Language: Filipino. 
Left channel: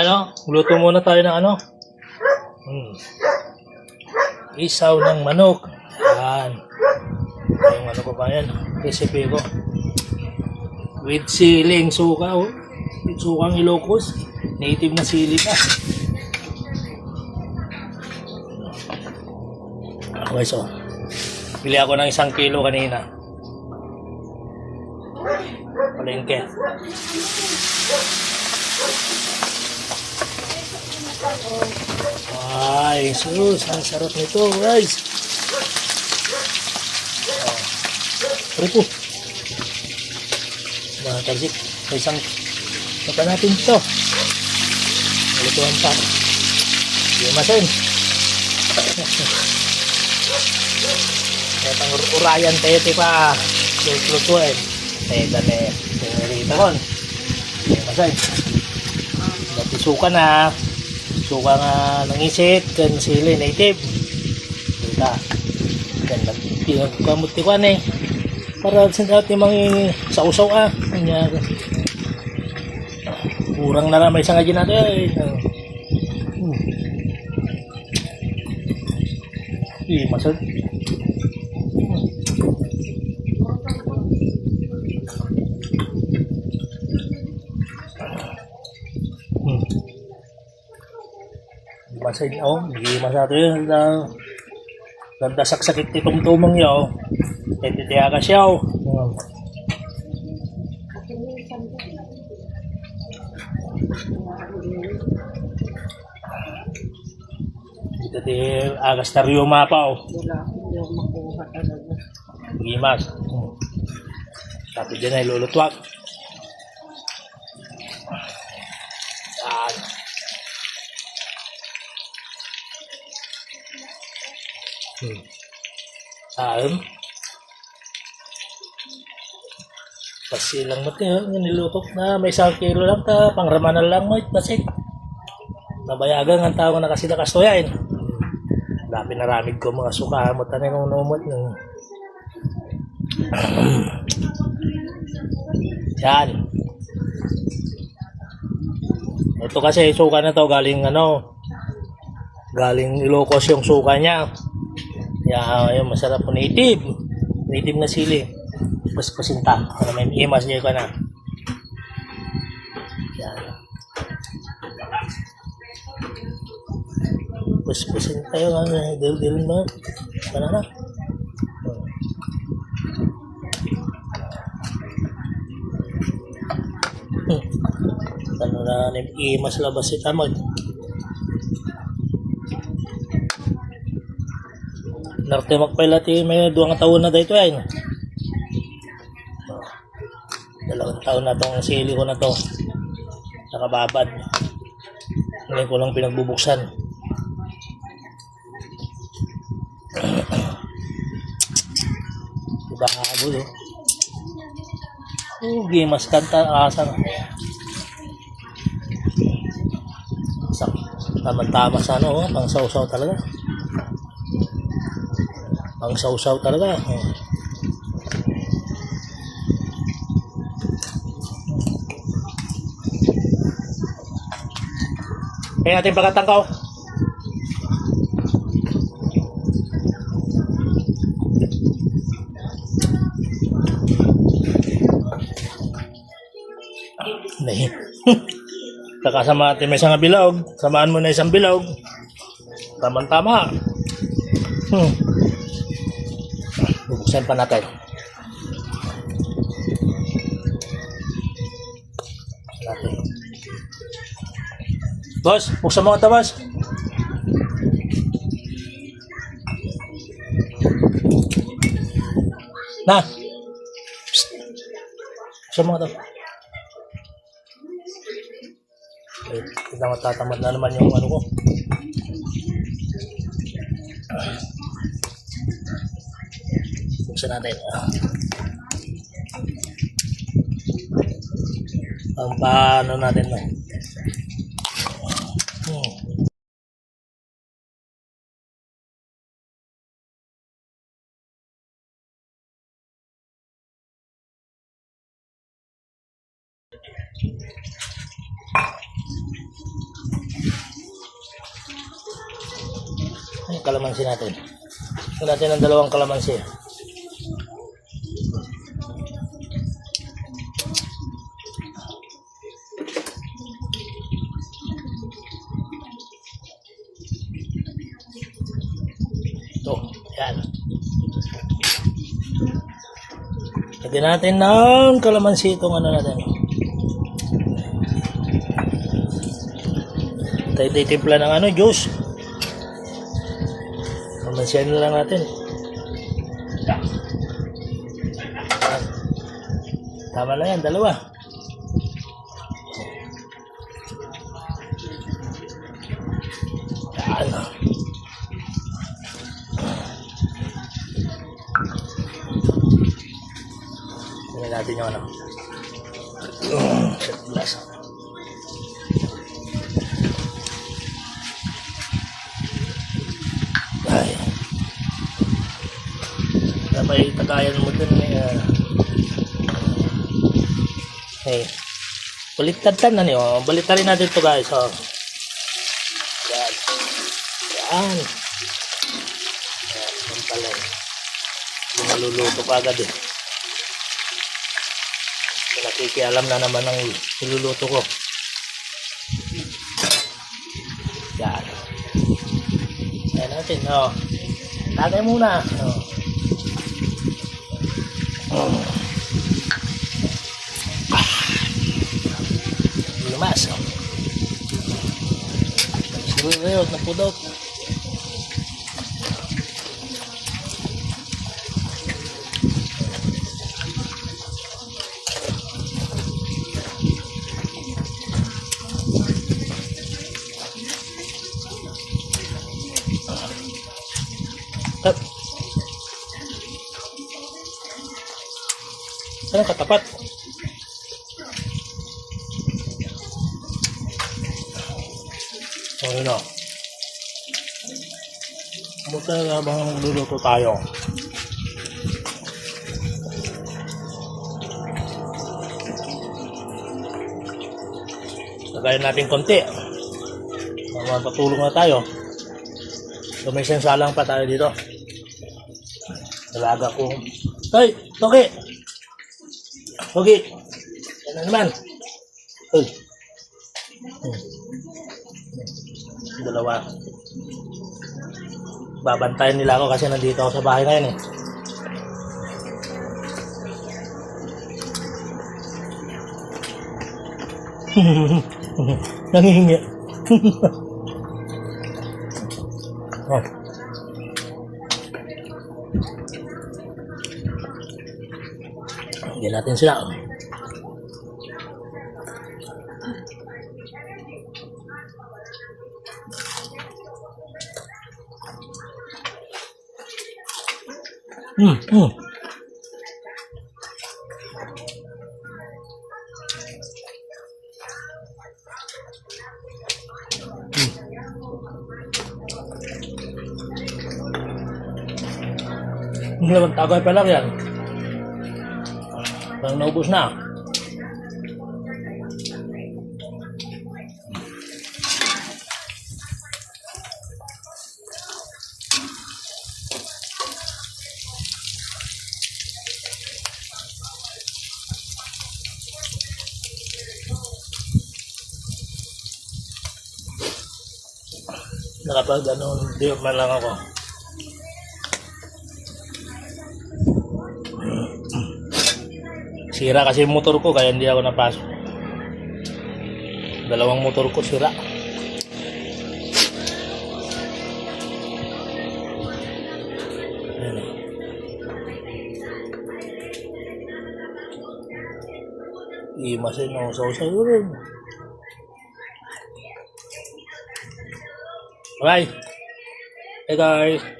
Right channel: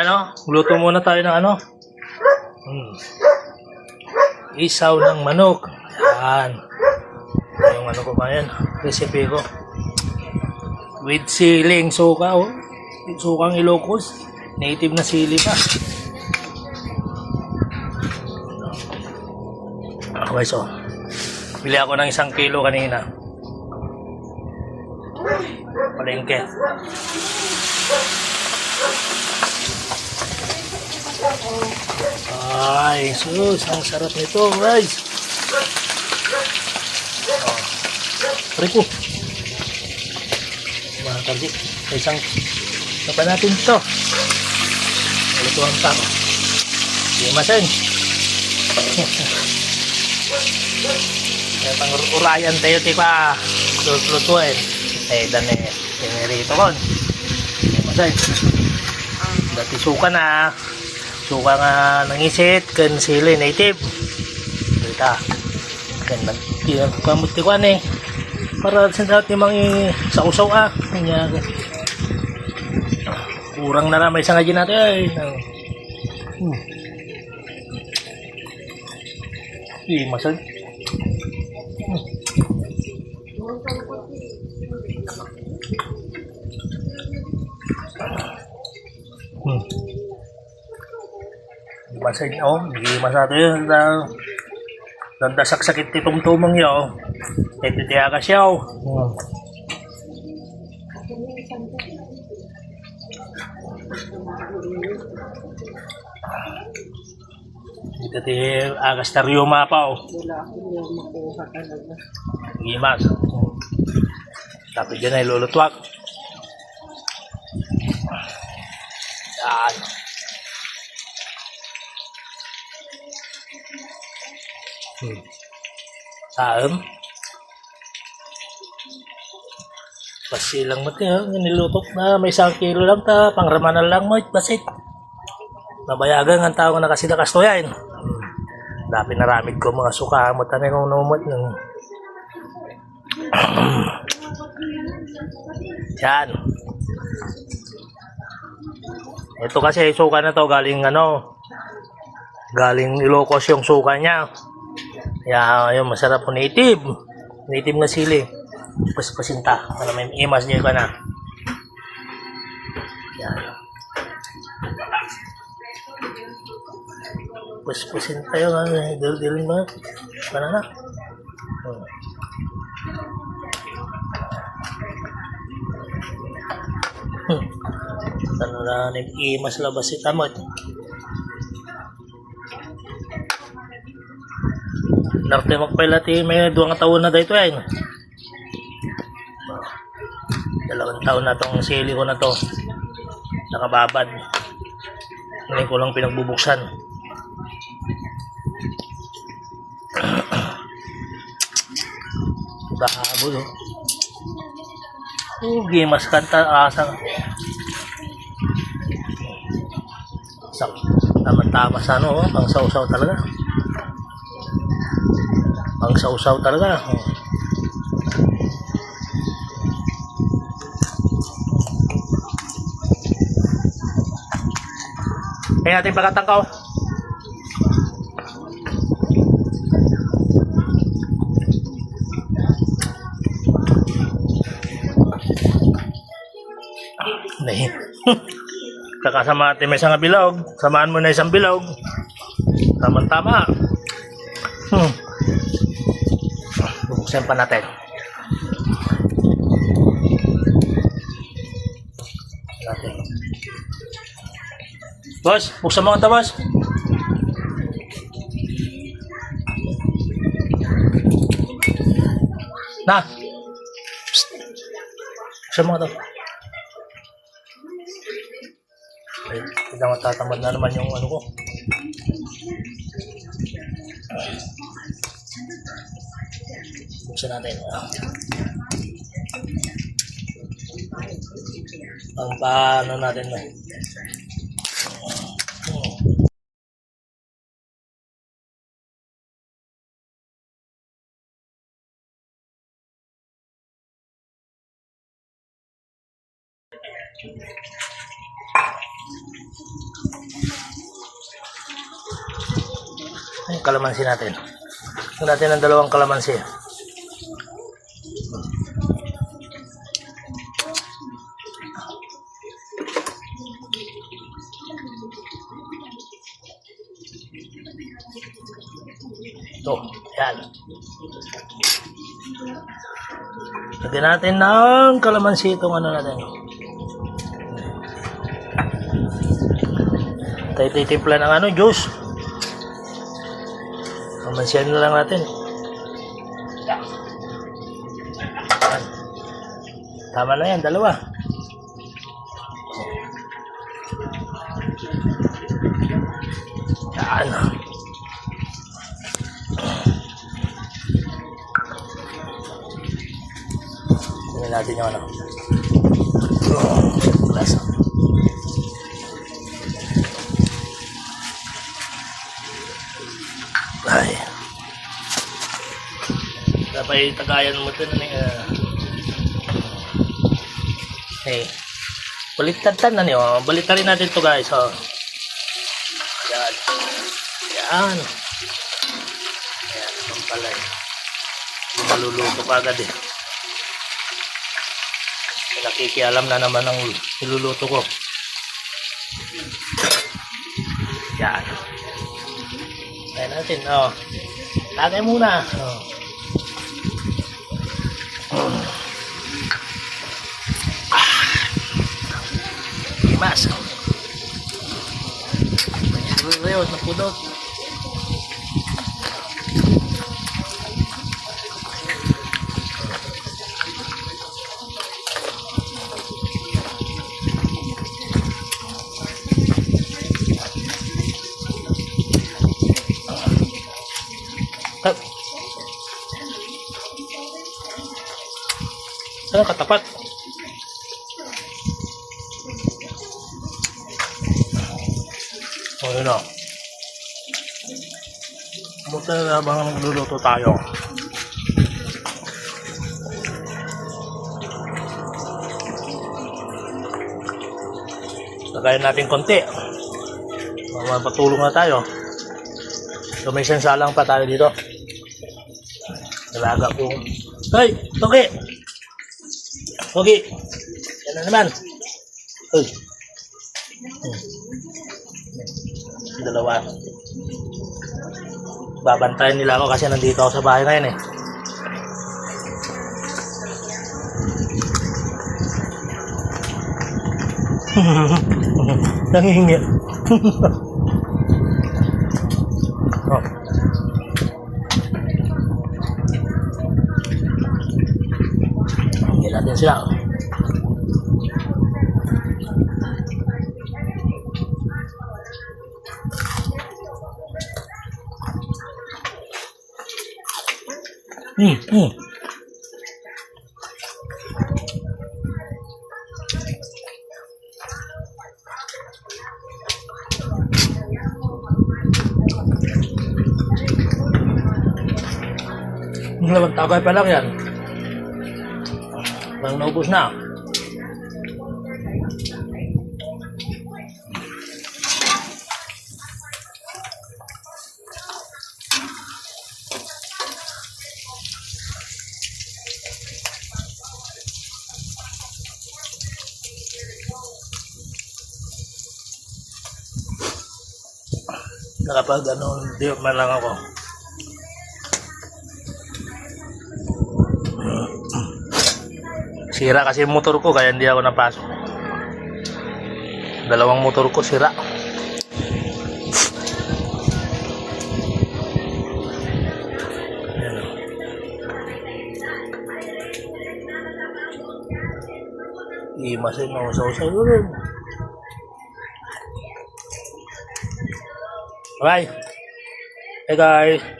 Ano, luto muna tayo ng ano. Isaw ng manok. Yan. Yung ano ko ba yan? Recipe ko. With siling suka, oh. Sukang Ilocos. Native na sili pa. Okay, so. Bili ako ng 1 kilo kanina. Palengke. Ay, sus, ang sarap nito, guys. Rico. Mga karsik, isang pa natin ito. Malutuhan pa. Hindi masin. Kaya pang urayan tayo tipa lutuin. Dami rito kon. Hindi masin. Dati suka na. Suka nga nangisit kan sili native. Dita. Kan kamot ti kwan eh. Para sa timang sausaw kanya. Kurang na ramay sa ngayon natin. Masad. Masad na hindi masado yun. Nandasak-sakit itong tumong yun. Ito tiya ka siya. Ito tiya agas na riyoma pa. Gimas. Tapi dyan ay lulutwak. Yan. Saem. Pasilang mo tiyo, nilutok na may 1 kilo lang ta, pangramanan lang mo, basit. Nabayagan ang tao nga nakasida kastoyain. Dapi naramid ko mga suka, mo tanay kong numot ng. Yan. Ito kasi suka na to galing galing Ilocos yung suka niya. Kaya yung masarap po native na sili. Pasinta para may imas niya pa na. Yan. Pasinta yung dil mo. Panana. Ano na nag-imas labas si Tamod. Narte magpailati may 2 taon na dito ay. 2 taon na tong sili ko na to. Nakababad. Ngayon ko lang pinagbubuksan. Bahabol oh. Gimas kanta asang. Tama-tama sa pang sausaw talaga. Pang sausaw talaga. Kaya natin pagkatangkaw. Nahin. Kakasama natin may isang bilog. Samaan mo na isang bilog. Tama-tama. Bubuksan pa natin. Boss, buksan mo ito, boss. Na. Buksan mo ito. Ay, hindi matatamad na naman yung ano ko. Buksan natin. Ang paano natin na. kalamansi natin. Lagyan natin ng 2 kalamansi. Ito, yan. Lagyan natin ng kalamansi itong ano natin. Tayo titimpla ng ano, juice. Kalamansihan na lang natin. Yan. Tama na yan, 2. Yan. Tingnan natin yung ano. Lasa. Ay. Dapat tagayan mo dun. Baliktad na niyo. Baliktarin natin ito guys. Oh. Yan. Yan. Yan. Pampalay. Maluluto pa agad eh. Nakikialam na naman ang niluluto ko. Yan. Kaya natin, oh. Lagay muna. Oh. Limas. Oh. Siruyot na pudot. Sana katapat. O yun o. Buta na habang nagluluto tayo. Lagayan natin konti. Mapatulong na tayo. So may sansalang pa tayo dito. Nalaga ko. Hoy! Toki! Toki! Yan na naman. Hoy! Dalawa. Babantayan nila ako kasi nandito ako sa bahay ngayon eh. Nangihingi. Oh. Hindi natin sila. Laman tagay pa lang yan. Parang naubos na. Nakapag ano, di man lang ako. Sira kasi yung motor ko kaya hindi ako napasok. 2 motor ko sira. Ayan o. Imasin ako sa rin. Bye. Hey guys.